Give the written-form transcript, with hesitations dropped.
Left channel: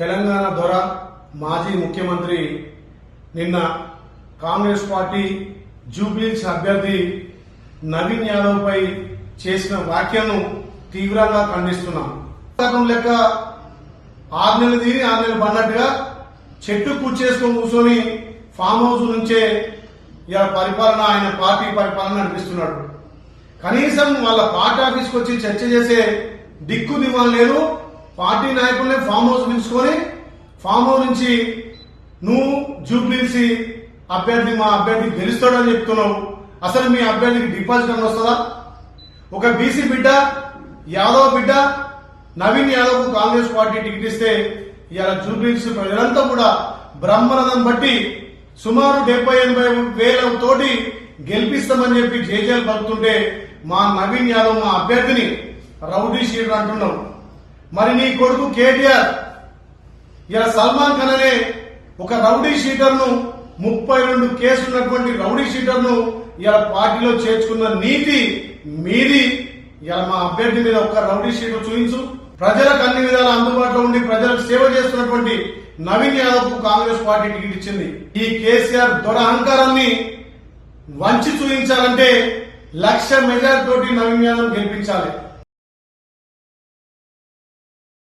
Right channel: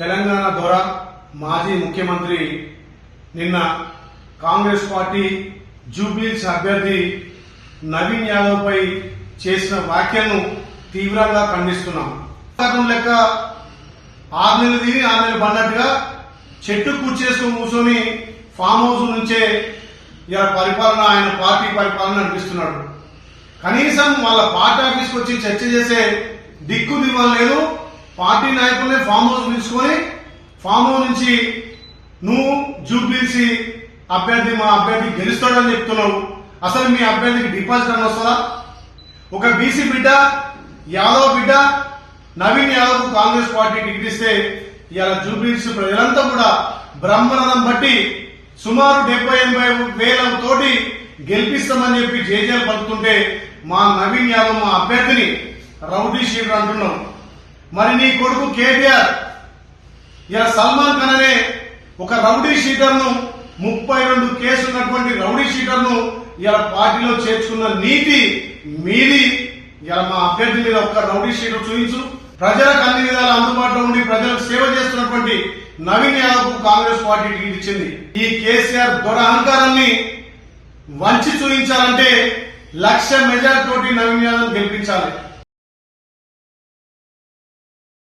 తెలంగాణ దొర మాజీ ముఖ్యమంత్రి నిన్న కాంగ్రెస్ పార్టీ జూబ్లీహిల్స్ అభ్యర్థి నవీన్ యాదవ్ పై చేసిన వ్యాఖ్యను తీవ్రంగా ఖండిస్తున్నాం. లెక్క 6 నెలలు తిని 6 నెలలు పడినట్టుగా చెట్టు కూర్చేసుకొని కూర్చొని ఫామ్ హౌస్ నుంచే ఇలా పరిపాలన ఆయన పార్టీ పరిపాలన నడిపిస్తున్నాడు. కనీసం వాళ్ళ పార్టీ ఆఫీస్కి వచ్చి చర్చ చేసే దిక్కు దివ్వాలి లేదు. పార్టీ నాయకులనే ఫామ్ హౌస్ పిలుచుకొని ఫామ్ హౌస్ నుంచి నువ్వు జూబ్లీహిల్స్ అభ్యర్థి మా అభ్యర్థి గెలుస్తాడని చెప్తున్నావు. అసలు మీ అభ్యర్థికి డిపాజిట్ అని వస్తుందా? ఒక బీసీ బిడ్డ యాదవ్ బిడ్డ నవీన్ యాదవ్ కు కాంగ్రెస్ పార్టీ టికెట్ ఇస్తే ఇవాళ జూబ్లీహిల్స్ ప్రజలంతా కూడా బ్రహ్మరథం బట్టి సుమారు 70-80 వేల తోటి గెలిపిస్తామని చెప్పి జేజేలు పలుకుతుంటే మా నవీన్ యాదవ్ మా అభ్యర్థిని రౌడీ షీటర్ అంటున్నాం. మరి నీ కొడుకు కేటీఆర్ ఇలా సల్మాన్ ఖాన్ అనే ఒక రౌడీ షీటర్ ను 32 కేసులు ఉన్నటువంటి రౌడీ షీటర్ ను ఇలా పార్టీలో చేర్చుకున్న నీతి మీది. ఇలా మా అభ్యర్థి మీద ఒక్క రౌడీ షీటర్ చూపించు. ప్రజలకు అన్ని విధాలు అందుబాటులో ఉండి ప్రజలకు సేవ చేస్తున్నటువంటి నవీన్ యాదవ్ కు కాంగ్రెస్ పార్టీ టికెట్ ఇచ్చింది. ఈ కేసీఆర్ దొర అహంకారాన్ని వంచి చూపించాలంటే 1,00,000 మెజార్టీ తోటి నవీన్ యాదవ్ గెలిపించాలి.